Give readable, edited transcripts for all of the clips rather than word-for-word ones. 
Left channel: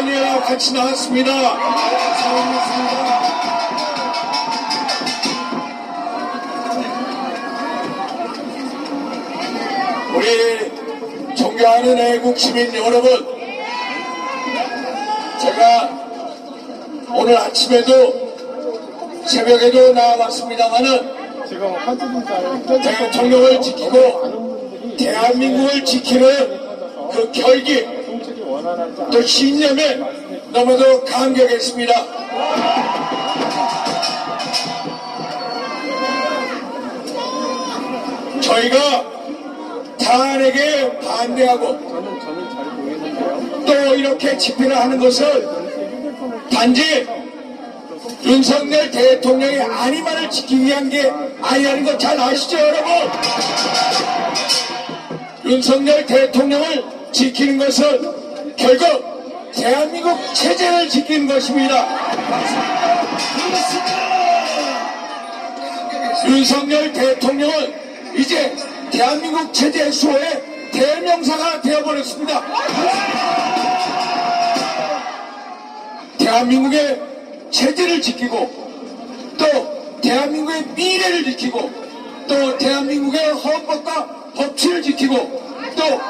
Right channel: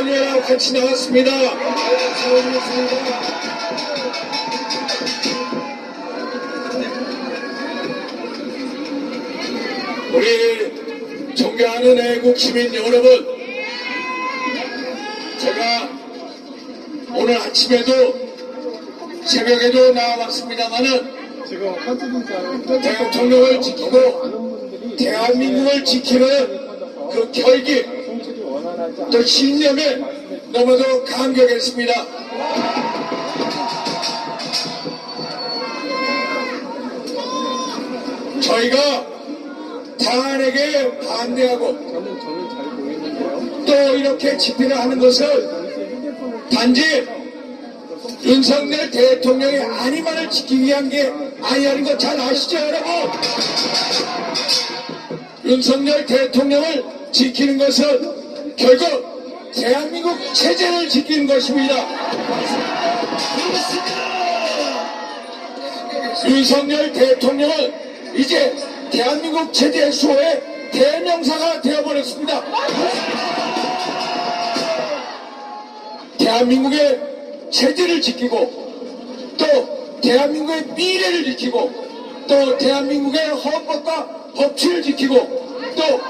사원이랑 같이 나왔습니다. 사원이었습니다. 우리 존경하는 애국 시민 여러분, 제가 오늘 아침에도 새벽에도 나와봤습니다만은 대통령을 지키고 대한민국을 지키는 그 결기 또 신념에 너무도 감격했습니다. 저희가 탄핵에 반대하고 또 이렇게 집회를 하는 것은 단지 윤석열 대통령의 안위만을 지키기 위한 게 아니라는 거 잘 아시죠, 여러분? 윤석열 대통령을 지키는 것은 결국 대한민국 체제를 지키는 것입니다. 윤석열 대통령은 이제 대한민국 체제 수호의 대명사가 되어버렸습니다. 대한민국의 체제를 지키고 또 대한민국의 미래를 지키고 또 대한민국의 헌법과 법치를 지키고 또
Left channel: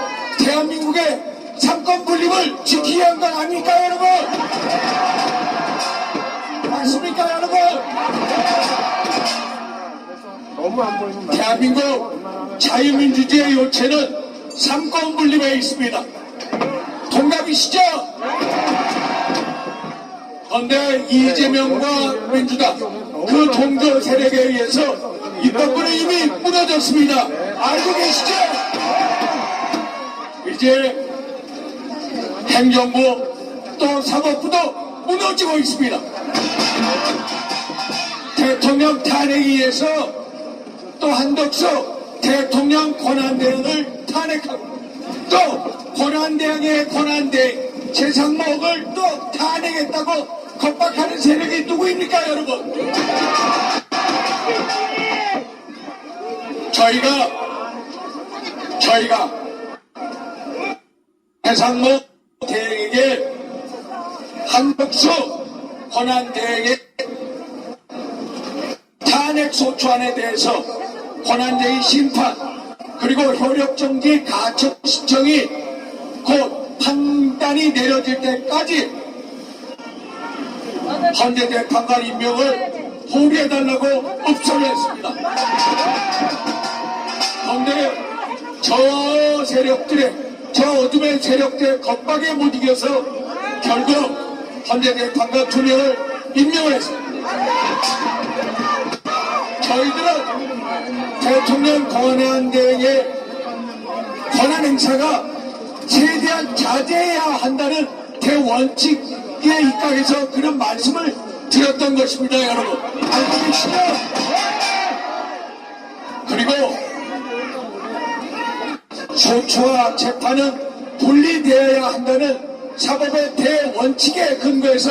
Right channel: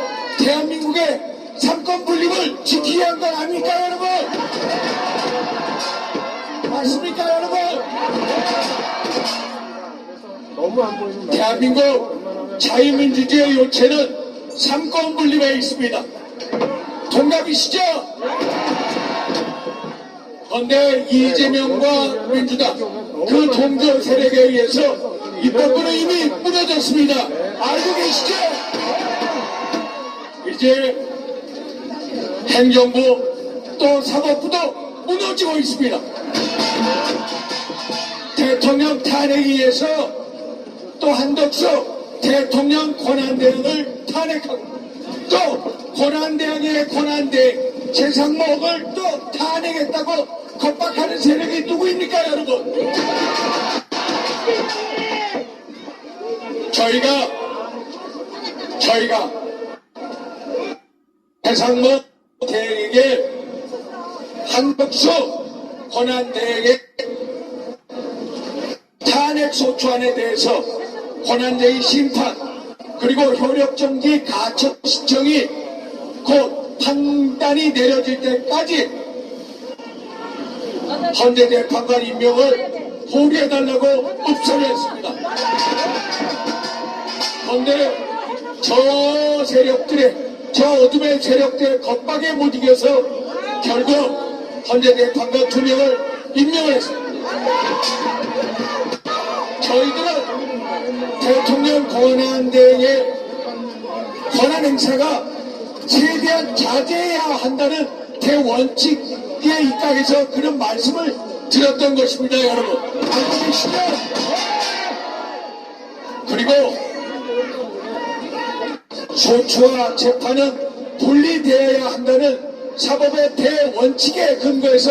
대한민국의 삼권 분립을 지키기 위한 건 아닙니까, 여러분? 맞습니까, 여러분? 너무 안 보이는 대한민국 자유민주주의의 요체는 삼권 분립에 있습니다. 동갑이시죠? 그런데 이재명과 민주당 그 종교 세력에 의해서 입법부는 이미 무너졌습니다. 알고 계시죠? 이제 행정부 또 사법부도 무너지고 있습니다. 대통령 탄핵에 의해서 또 한덕수 대통령 권한대행을 탄핵하고 또 권한대행의 권한대행 최상목을 또 탄핵했다고 겁박하는 세력이 누구입니까, 여러분? 저희가 최상목 대행에게 한덕수 권한대행의 탄핵 소추안에 대해서 권한대행 심판 그리고 효력정지 가처 신청이 곧 판단이 내려질 때까지 헌재 재판관 임명을 보류해달라고 읍소를 했습니다. 그런데 저 세력들의 저 어둠의 세력들의 겁박에 못 이겨서 결국 헌재 재판관 2명을 임명을 했습니다. 저희들은 대통령 권한대행의 권한 행사가 최대한 자제해야 한다는 대원칙에 입각해서 그런 말씀을 드렸던 것입니다, 여러분. 알고 계시죠? 그리고 소추와 재판은 분리되어야 한다는 사법의 대원칙에 근거해서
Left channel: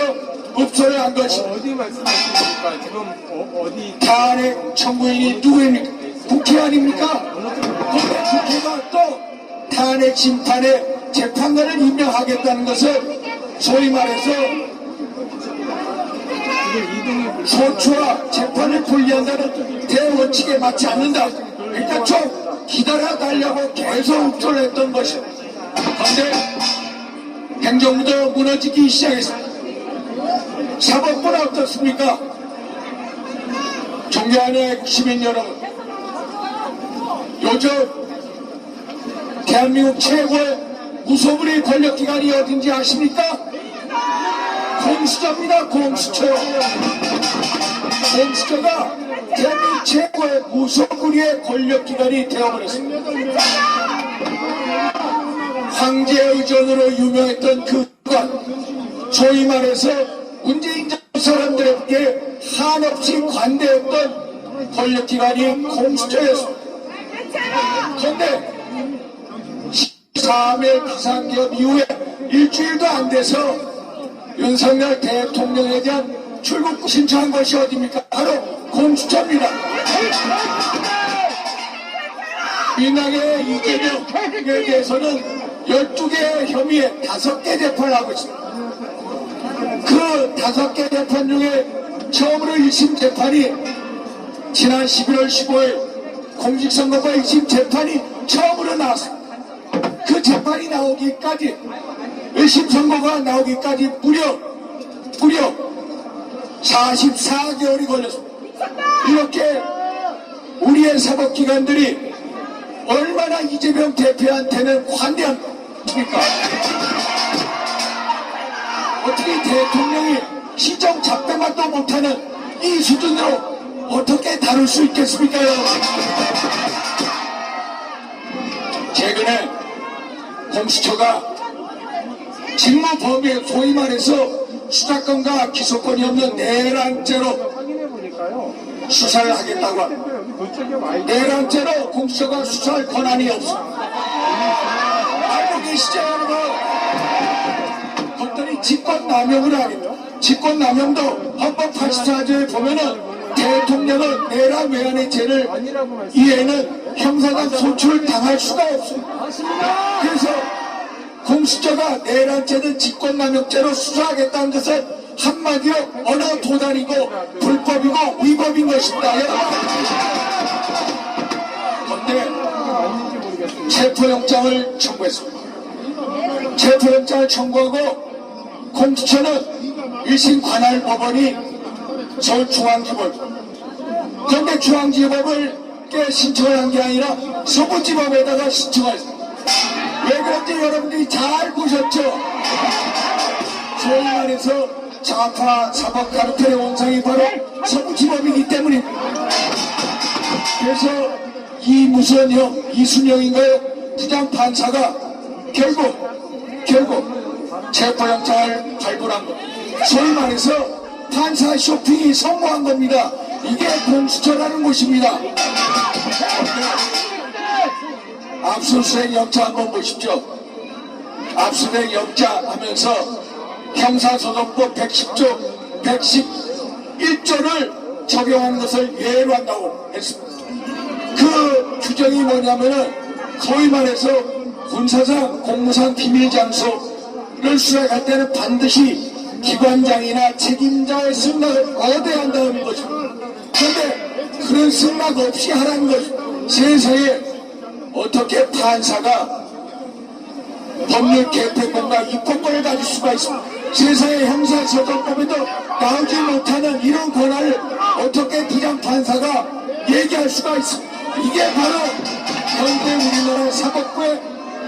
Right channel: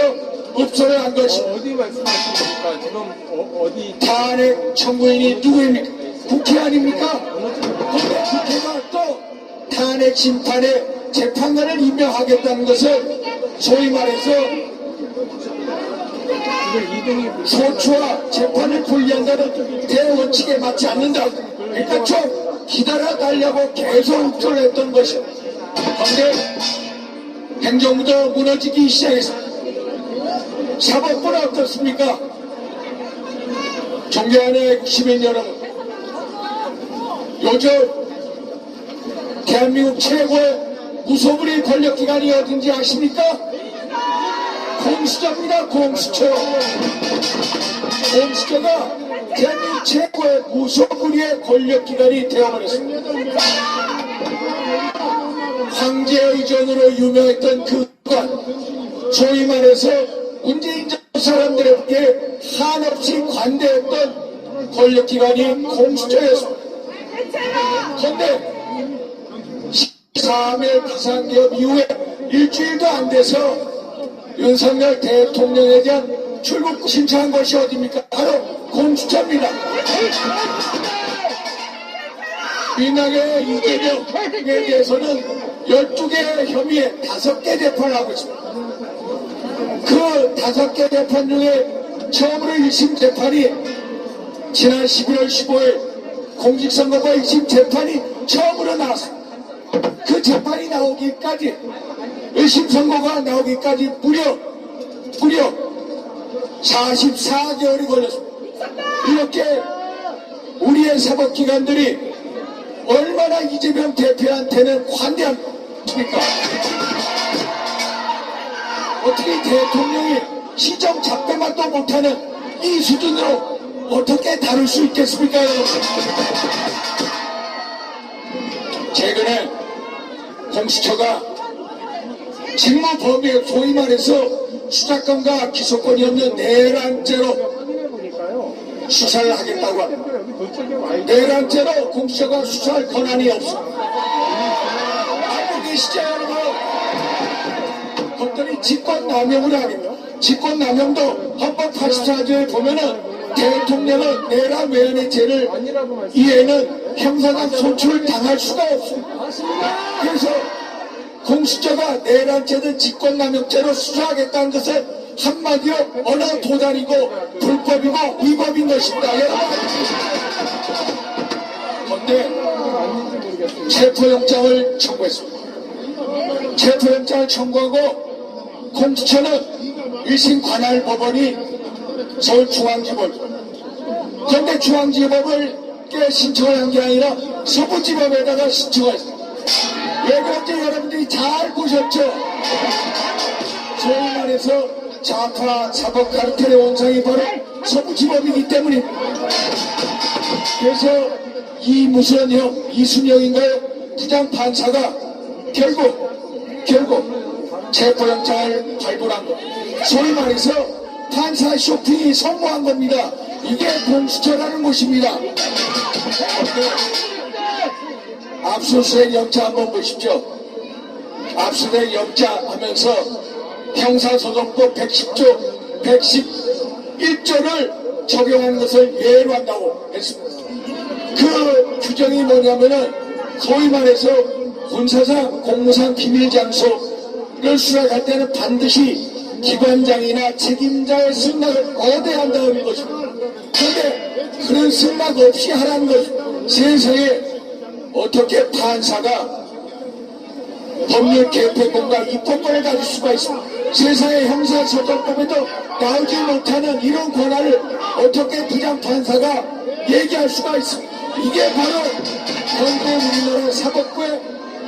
읍소를 한 것입니다. 어디 말씀하십니까? 지금 어디 탄핵 청구인이 누구입니까? 국회 아닙니까? 그런데 국회가 또 탄핵 심판에 재판관을 임명하겠다는 것은 소위 말해서 소추와 재판을 분리한다는 대원칙에 맞지 않는다. 일단 좀 기다려달라고 계속 읍소를 했던 것입니다. 그런데 행정부도 무너지기 시작했습니다. 사법부는 어떻습니까? 존경하는 시민 여러분, 요즘 대한민국 최고의 무소불위 권력기관이 어딘지 아십니까? 공수처입니다. 공수처. 공수처가 대한민국 최고의 무소불위의 권력기관이 되어버렸습니다. 황제 의전으로 유명했던 그 기관, 소위 말해서 문재인 사람들에게 한없이 관대했던 권력기관이 공수처였습니다. 그런데 13일 비상기업 이후에 일주일도 안 돼서 윤석열 대통령에 대한 출국 신청한 것이 어디입니까? 바로 공수처입니다. 민항의 이재명에 대해서는 12개의 혐의에 5개 재판을 하고 있습니다. 5개 재판 중에 처음으로 1심 재판이 지난 11월 15일 공직선거법 1심 재판이 처음으로 나왔습니다. 그 재판이 나오기까지 1심 선고가 나오기까지 무려 44개월이 걸렸습니다. 이렇게 우리의 사법기관들이 얼마나 이재명 대표한테는 관대합니까? 어떻게 대통령이 시정 작동만도 못하는 이 수준으로 어떻게 다룰 수 있겠습니까, 여러분? 최근에 공수처가 직무 범위에 소위 말해서 수사권과 기소권이 없는 내란죄로 확인해 보니까요. 수사를 하겠다고 합니다. 여기 도청경 아이 내란죄로 공수처가 수사할 권한이 없습니다. 알고 계시죠, 여러분? 그것들이 직권남용을 하겠다. 직권남용도 헌법 84조에 보면은 대통령은 내란 외환의 죄를 아니라고 말씀. 이에는 형사상 소출을 당할 수가 없습니다. 맞습니다. 그래서 공수처가 내란죄든 직권남용죄로 수사하겠다는 것은 한마디로 언어 도단이고 불법이고 위법인 것입니다. 그런데 맞는지 모르겠습니다. 체포영장을 청구했습니다. 체포영장을 청구하고 공수처는 1심 관할 법원이 서울중앙지법, 그런데 중앙지법을 신청을 한 게 아니라 서부지법에다가 신청을 했습니다. 왜 그런지 여러분들이 잘 보셨죠? 소위 말해서 좌파 사법 카르텔의 원상이 바로 서부지법이기 때문입니다. 그래서 이무선형, 이순영인가요? 부장판사가 결국 체포영장을 발부한 것. 소위 말해서 판사 쇼핑이 성공한 겁니다. 이게 공수처라는 곳입니다. 압수수색 영장 한번 보십시오. 압수수색 영장 하면서 형사소송법 110조, 111조를 적용하는 것을 예외로 한다고 했습니다. 그 규정이 뭐냐면은 소위 말해서 군사상, 공무상 비밀장소를 수색할 때는 반드시 기관장이나 책임자의 승낙을 얻어야 한다는 것입니다. 그런데 그런 승낙 없이 하라는 것입니다. 세상에 어떻게 판사가 법률 개폐권과 입법권을 가질 수가 있습니까? 세상의 형사소송법에도 나오지 못하는 이런 권한을 어떻게 부장판사가 얘기할 수가 있습니까? 이게 바로 현대 우리나라 사법부의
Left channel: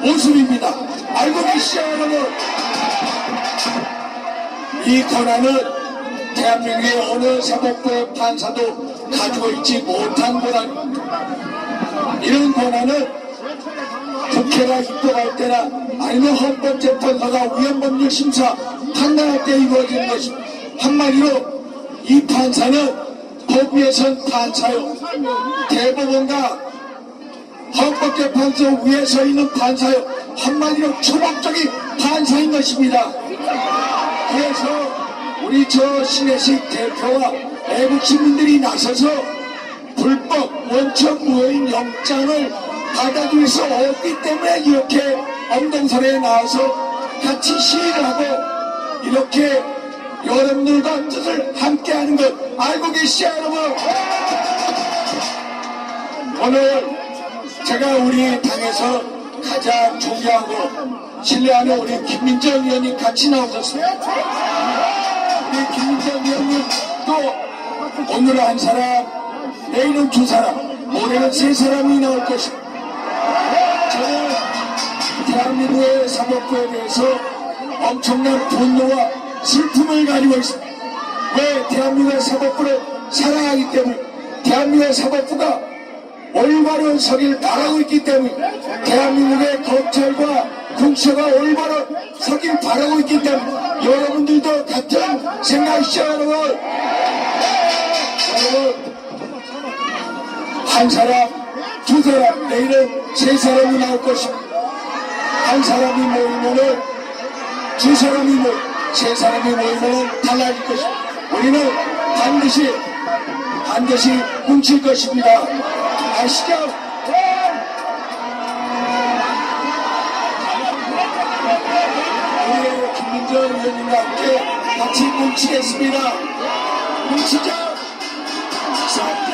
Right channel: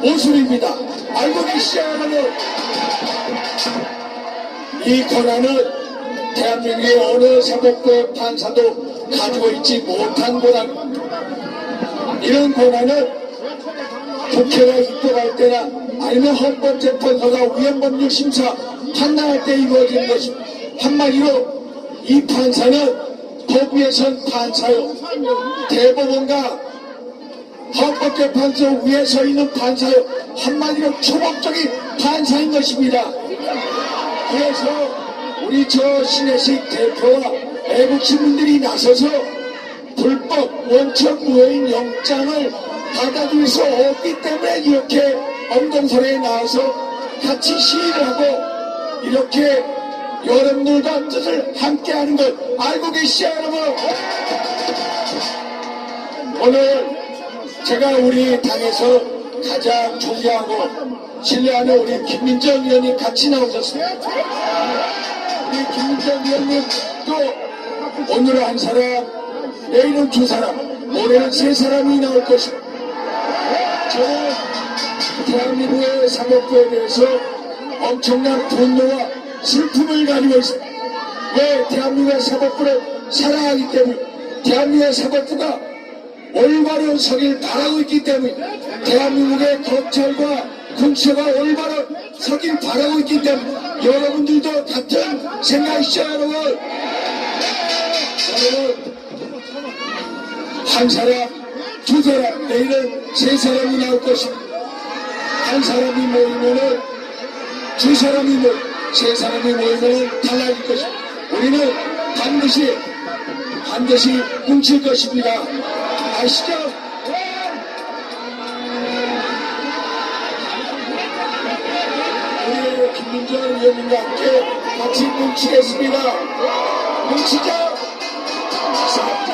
모습입니다. 알고 계시죠, 여러분? 이 권한은 대한민국의 어느 사법부의 판사도 가지고 있지 못한 권한입니다. 이런 권한은 국회가 입법할 때나 아니면 헌법재판소가 위헌법률심사 판단할 때 이루어지는 것입니다. 한마디로 이 판사는 법 위에선 판사요, 대법원과 헌법재판소 위에 서 있는 판사요, 한마디로 초법적인 판사인 것입니다. 그래서 우리 저 신혜식 대표와 애국 시민들이 나서서 불법 원천 무효인 영장을 받아들일 수 없기 때문에 이렇게 엄동설에 나와서 같이 시위를 하고 이렇게 여러분들과 뜻을 함께하는 것 알고 계시죠, 여러분? 오늘 제가 우리 당에서 가장 존경하고 신뢰하는 우리 김민정 의원님 같이 나오셨습니다. 우리 김민정 의원님 또 오늘은 한 사람, 내일은 두 사람, 모레는 세 사람이 나올 것입니다. 저는 대한민국의 사법부에 대해서 엄청난 분노와 슬픔을 가지고 있습니다. 왜? 대한민국의 사법부를 사랑하기 때문에, 대한민국의 사법부가 올바른 서기를 바라고 있기 때문에, 대한민국의 검찰과 공수처가 올바른 서기를 바라고 있기 때문에 여러분들도 같은 생각이시죠, 여러분? 여러분, 한 사람, 두 사람, 내일은 세 사람이 나올 것입니다. 한 사람이 모이면은 두 사람이 세 사람이 모이면은 달라질 것입니다. 우리는 반드시 뭉칠 것입니다. 아시죠? 우리 김민정 의원님과 함께 같이 뭉치겠습니다. 뭉치자. 자,